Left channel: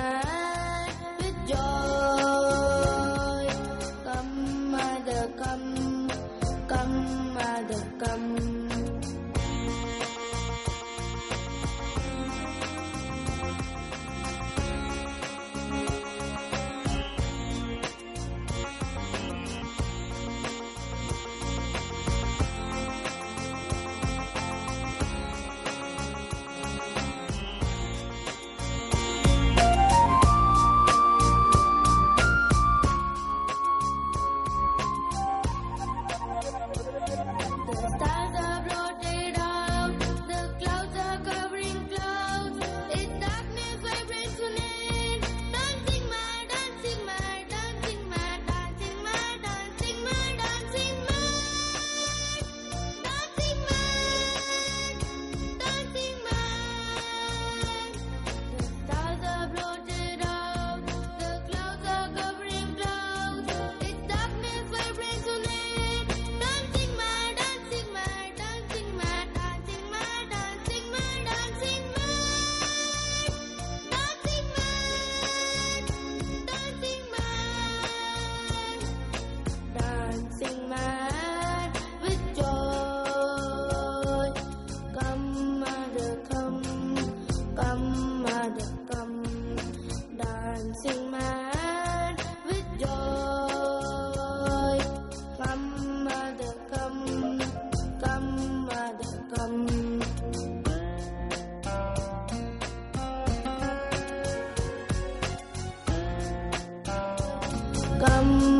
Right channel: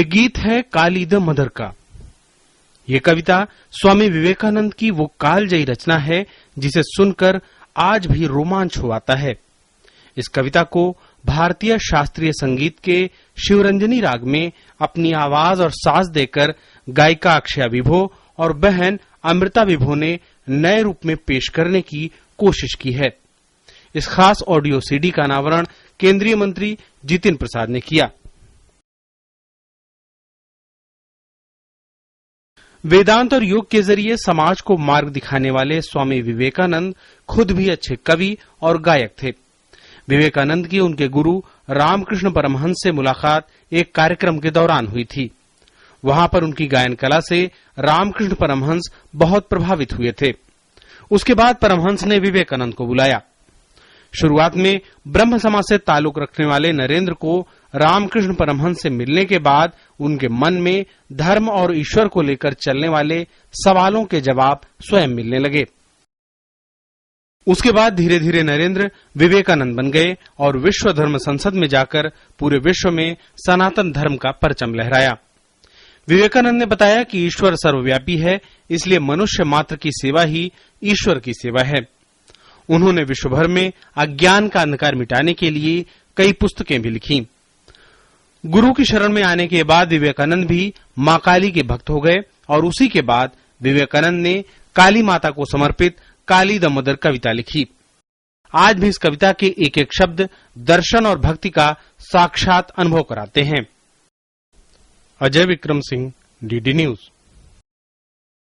ये गीत है काली द मदर का। ये कविता स्वामी विवेकानंद की वो कालजयी रचना है जिसे सुनकर आज भी रोमांच हो आता है। इस कविता को भारतीय शास्त्रीय संगीत के शिवरंजनी राग में अपनी आवाज और साज देकर गायिका अक्षया विभो और बहन अमृता विभो ने नए रूप में पेश करने की कोशिश की है। इस खास ऑडियो सीडी का अनावरण केंद्रीय मंत्री जितिन प्रसाद ने किया। वेदांत और योग के जरिए समाज को मार्ग दिखाने वाले स्वामी विवेकानंद खुद भी अच्छे कवि और गायक थे। विवेकानंद की उनके गुरु रामकृष्ण परमहंस से मुलाकात एक कार्यक्रम के दौरान हुई थी। वहां पर उनकी गायन कला से रामकृष्ण परमहंस बहुत प्रभावित हुए थे। उसके बाद परमहंस ने विवेकानंद को बुलाया। शुरुआत में ब्रह्म समाज से ताल्लुक रखने वाले नरेंद्र को रामकृष्ण परमहंस से मिलने के बाद उनके मन में धर्म और ईश्वर को लेकर चलने वाले सवालों के जवाब स्वयं मिलने लगे। उसके बाद धीरे धीरे नरेंद्र विवेकानंद बन गए और विश्व धर्म संसद में जाकर पूरे विश्व में सनातन धर्म का परचम लहराया। विवेकानंद ने बताया कि ईश्वर सर्वव्यापी है, इसलिए मनुष्य मात्र की सेवा ही ईश्वर की सेवा है। उन्होंने विश्व भर में अज्ञान का अंधकार मिटाने के लिए कई पुस्तकें भी लिखी। गुरु की शरण में आने के बाद विवेकानंद भी माँ काली के भक्त हो गए और उसी के बाद विवेकानंद ने काली माता को समर्पित काली द मदर कविता लिखी। आज भी इस कविता के एक एक शब्द दर्शन और भक्ति का साक्षात अनुभव कराते हैं। Ajay Vikram Singh, DD news.